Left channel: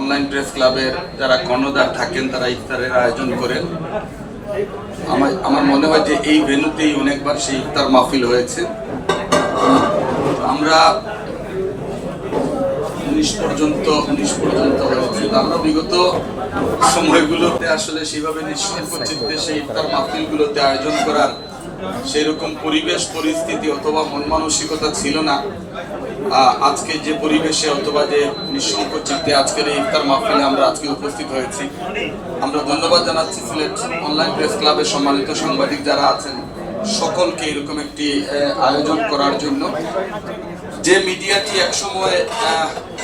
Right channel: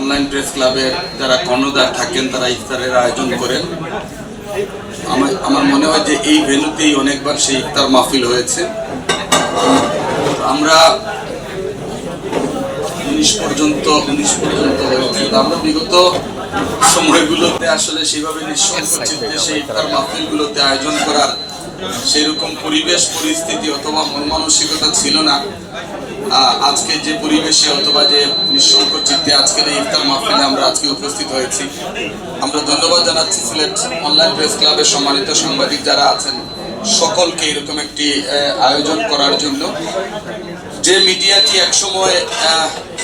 Online press ক্লাবের যারা কর্ণধার থাকেন, তারা ইফতারের আয়োজন করেন। আমার আমার মনে হয় যে এই ভেন্যুতেই অনেকবার সেই ইফতার মাহফিল হয়েছে। আমরা উনিশ পর্যন্ত উনিশ পর্যন্ত হয়েছে। আমরা বিগত সময়গুলোতে আসলে সেভাবে নিঃসঙ্গ চিত্তে সেই ইফতার মাহফিলগুলোতে আয়োজন করার সেরকম পরিবেশ, পরিস্থিতি অথবা মন মানসিকতা ছিল না। আজকে যে পরিবেশে অথবা যে নিঃসঙ্গ চিত্তে আজকের এই ইফতার মাহফিলে আমরা আজকে উপস্থিত হয়েছি। আমরা ধন্যবাদ জানাচ্ছি সিলেট অনলাইন প্রেস ক্লাবের সম্মানিত সাংবাদিক যারা আছেন। সকলকে এরকম একটি আয়োজন করার জন্য। যে মিডিয়াটি একসময়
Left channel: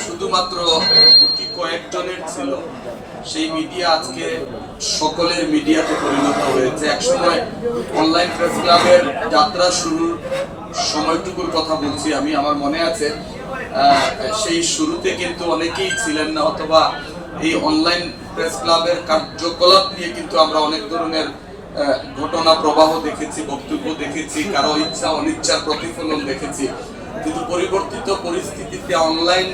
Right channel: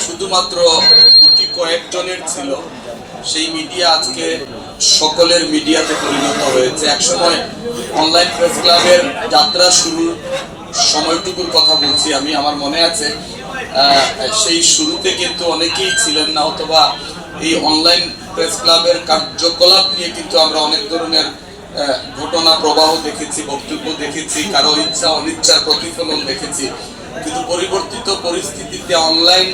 শুধুমাত্র কয়েকজনের ছিল। সেই মিডিয়া আজকে সকলের মিডিয়াতে পরিণত হয়েছে। একসময় অনলাইন প্রেস ক্লাবের যাত্রা শুরুর সময়টুকুর কথা বলছি আমি, আমার মনে আছে। সেই শুরুতে কিন্তু অনেকেই ছিলেন না, অথবা এই অনলাইন প্রেস ক্লাবের কার্যকলাপ নিয়ে কিন্তু আমরা অনেক ধরনের ঘটনা, প্রবাহ দেখেছি, বক্তব্য দেখেছি, কারও ইচ্ছা, অনিচ্ছার প্রতিফলন দেখেছি। কিন্তু পরিবর্তিত পরিস্থিতিতে অনলাইন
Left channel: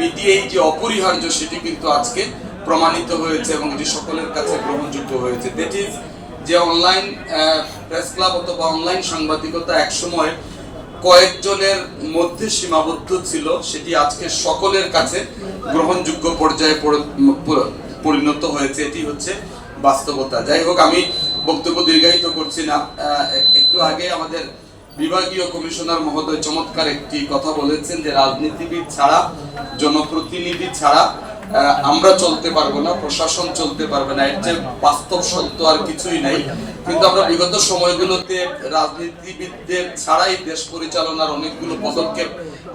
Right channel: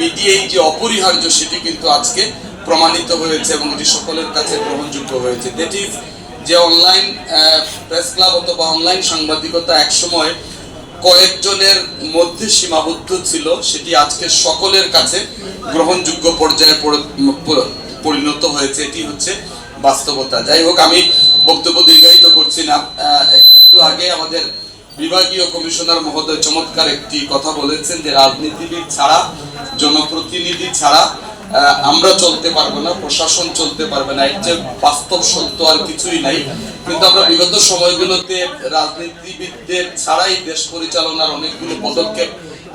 মিডিয়াই যে অপরিহার্য, সেটি কিন্তু আজকে প্রমাণিত হয়েছে এবং এটি সকলের কাছে গ্রহণযোগ্য হয়েছে। দ্যাট ইজ যে অনলাইন প্রেস ক্লাব অথবা অনলাইন সাংবাদিকতা একসময় কয়েকজনের মধ্যে সীমাবদ্ধ ছিল, সেটি আজকে সকলের কাছে গ্রহণযোগ্য পর্যায়ে পরিণত হয়েছে। এটি হচ্ছে বাস্তবতা। যাই হোক, আমি বক্তব্য দীর্ঘায়িত করছি না। একটু আগে আমাদের বিভাগীয় কমিশনার মহোদয় চমৎকার একটি কথা বলেছেন যে রাজনীতিবিদ ছাড়া, জনপ্রতিনিধি ছাড়া আমরা চলতে পারব না, প্রশাসন চলতে পারবে না, এর যে বাস্তব সত্য আর কিছুই নাই। কিন্তু আমরা বিগত সময়গুলোতে রাজনীতিবিদদের ছাড়াই দেশ পরিচালনার অনেকগুলো পদক্ষেপ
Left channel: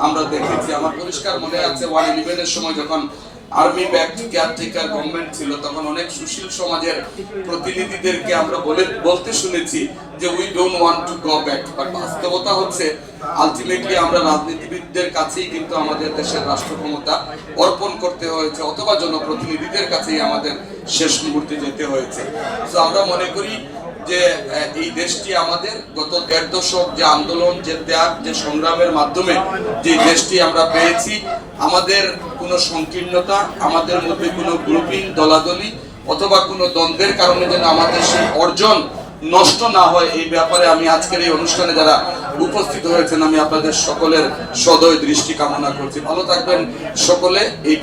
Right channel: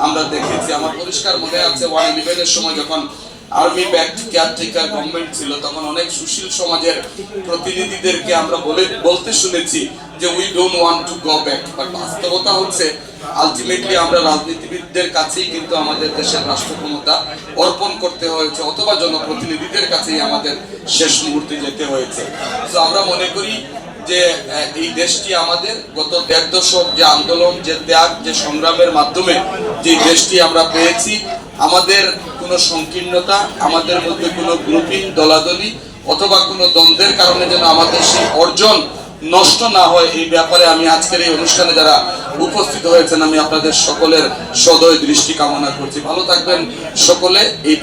আমরা দেখেছি। আমার পরিষ্কার মনে আছে ওয়ান ইলেভেনের সময় যখন আর্মি কেয়ারটেকার গভর্নমেন্ট ছিল, তখন অনেক সুশীল সমাজের প্রতিনিধিদেরকে আমরা বলে, বলতে শুনেছি যে we don't want to go back but বাস্তবতা হচ্ছে আলটিমেটলি আমরা রাজনীতিবিদদের কাছেই কিন্তু আমাদের দেশের রাষ্ট্র ক্ষমতা অর্পণ করতে হয়েছে, অথবা জনপ্রতিনিধিদের কাছেই আমাদের শেষ মুহূর্তে যেতে হয়েছে। তো আমরা মনে করি যে এই দেশটি আমাদের গত দেড় দশক যে আন্দোলন, যে ত্যাগ, যে সংগ্রামের মাধ্যমে যে দেশটি আমরা পেয়েছি, আমাদের কোনো সংকীর্ণতা, আমাদের মধ্যে কোনো গ্রুপিং দলাদলি অথবা কোনো দ্বন্দ্বের কারণে যেন আমাদের সেই অর্জন নষ্ট না হয়, এই ব্যাপারে আমি আজকের এই অনুষ্ঠানে যারা উপস্থিত হয়েছেন, আমি আপনাদের সকলের সদয় দৃষ্টি কামনা করছি। ভালো থাকবেন সকলে, এই